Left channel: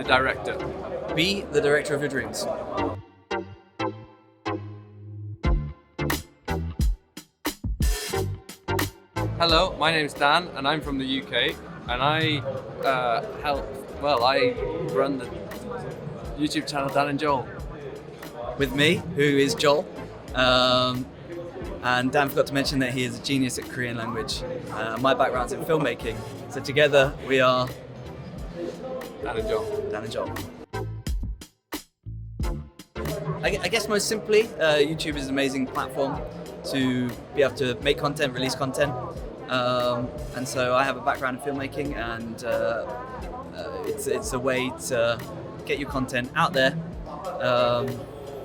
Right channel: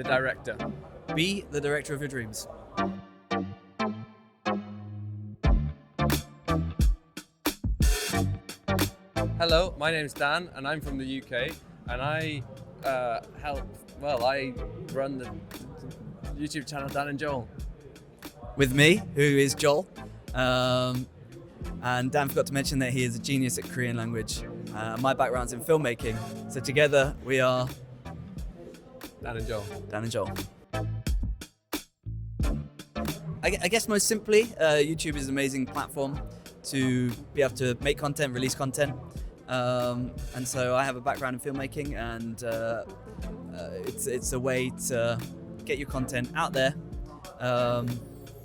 the director. Be the director of your dreams. Hello, my name is Dan, and I'm from the UK, and I run the YouTube channel Dan앤조el. With me, who is Joel. And Dan forgot to mention that he is a genius at Korean language. My background's in filmmaking, so together we are Dan앤조el. Dan and Joel. I guess most simply, YouTube is an amazing platform to be able to make content, release content. And so I have a background in filmmaking, and it's a way to get your content out there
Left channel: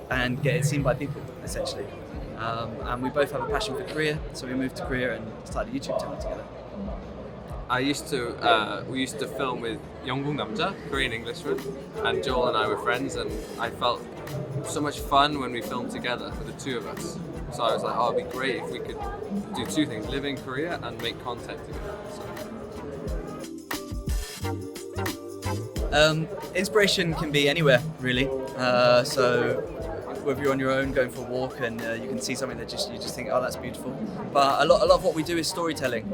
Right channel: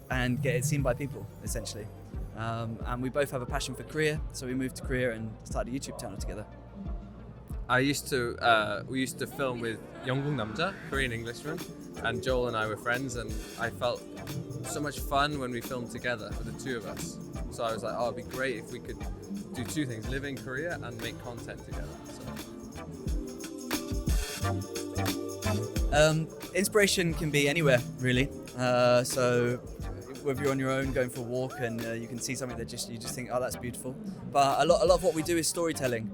and get it seen by people, essentially. And we both have a passion for Korea, so we moved to Korea and started a YouTube channel together. We used to film with 영국 남자, Korean Englishman, and Joel and I were friends, and I felt so much fun when we filmed together, the two of us. So I was like, oh, it'd be great if we could do two things, live in Korea and make content together. Inspiration can be anywhere, really. So whether you're on your own going for a walk and you can see something that you just think, oh, that's beautiful. But a lot of what we do is storytelling.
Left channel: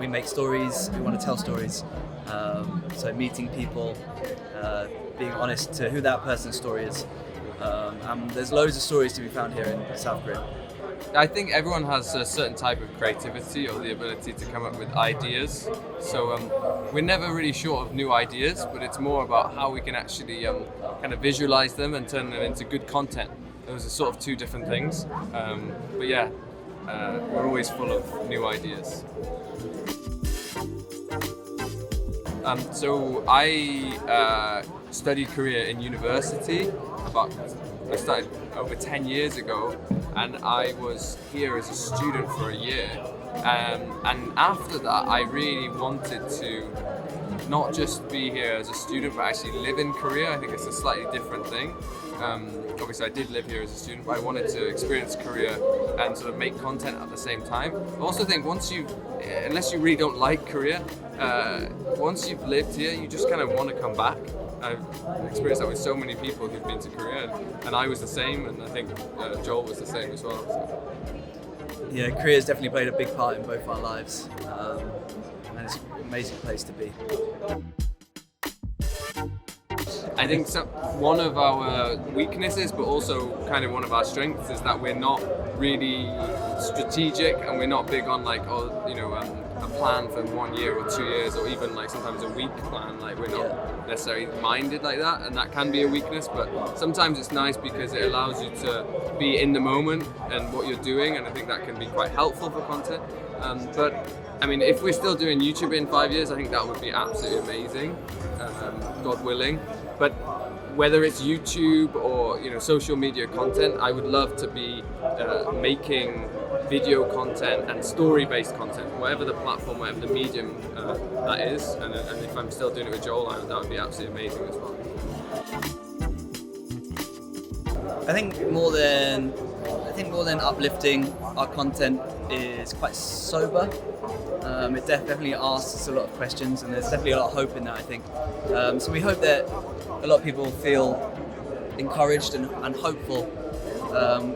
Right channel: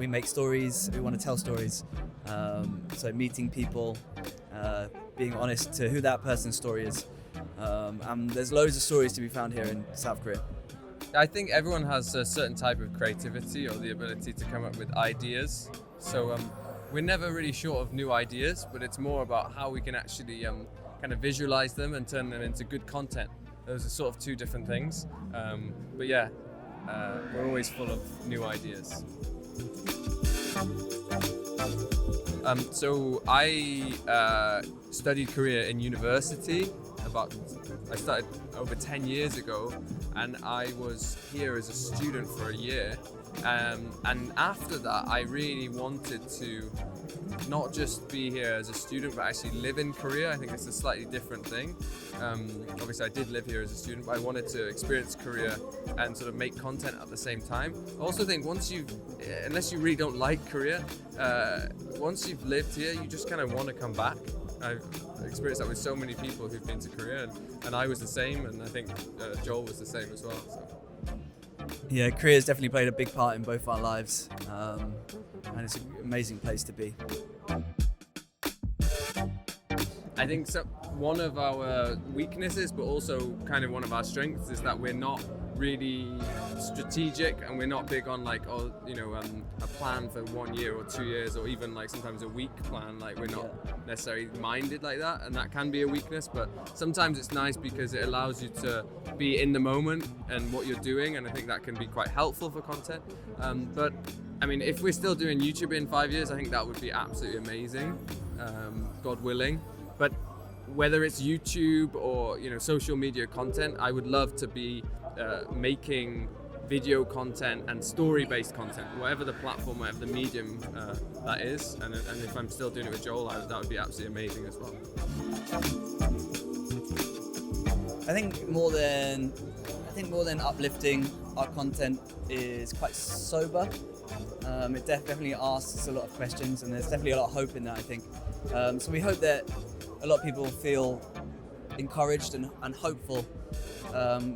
We make stories, we want to tell stories. So meeting people, being honest to who that person's story is. And there's loads of stories to be found here in South Korea. I think everyone has a certain type of creativity or the ability to come up with ideas. So we're never really short of new ideas, but it's more about how we can actually kind of visualize them and turn them into good content. Those are sort of two different things. But yeah, we're always full of new ideas. So I studied Korea in university. I started over 10 years ago, and I was here as a student for a year. And after that, I really wanted to not just be here as a student, but actually live in Korea. I think it's a slightly different thing. Obviously, I did live here as a student, but I wanted to experience Korea and sort of make content at the same time. I also think unless you really don't like Korea, once you've lived here, you just kind of want to come back. I've experienced that with so many people who've been to Korea, and I was the same, and I think Joel was the same as well. So. Yeah, Korea's definitely played a big part in both our lives, and it's an amazing place to be. I think one of our weaknesses, but also kind of one of our strengths, is that we're not really strategic, and we're not big on a plan for 1 year or 2 years, or even like sometimes a week plan. Like we're not necessarily minded like that, and that can be a weakness. But sometimes it's nice because it allows you to be in the moment and what you're doing, and I think that can be quite helpful for content. But I mean, if we're still doing YouTube in 5 years, I think that would be absolutely amazing, God willing. But whether it's YouTube or social media content, I would love to be making video content and story-based content, whatever the platform, whatever the medium that is. And if I'm still doing it with Joel, that would be absolutely amazing as well. I think more than uplifting, our content is quite sober. It definitely asks a lot of questions, and there's definitely a lot of hope in that, I think. So we hope that a lot of people feel encouraged and hopeful.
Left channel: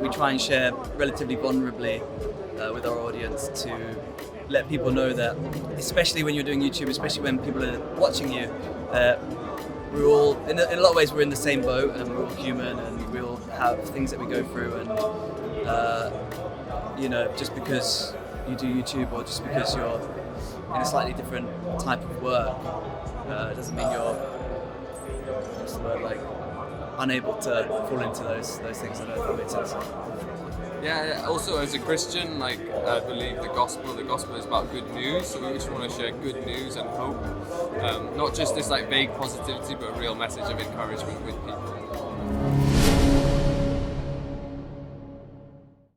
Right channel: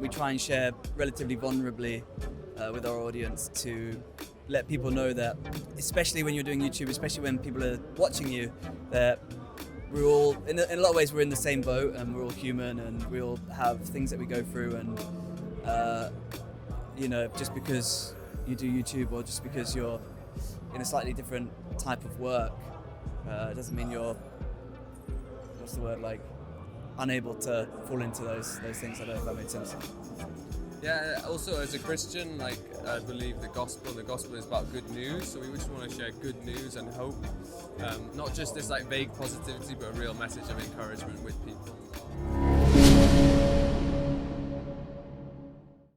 We try and share relatively vulnerably with our audience to let people know that, especially when you're doing YouTube, especially when people are watching you, we're all, in a lot of ways, we're in the same boat, and we're all human, and we all have things that we go through, and just because you do YouTube or just because you're in a slightly different type of work doesn't mean you're unable to fall into those things. I don't know if that makes sense. Yeah, also as a Christian, I believe the gospel is about good news, so we just want to share good news and hope. Not just this vague positivity, but a real message of encouragement with people.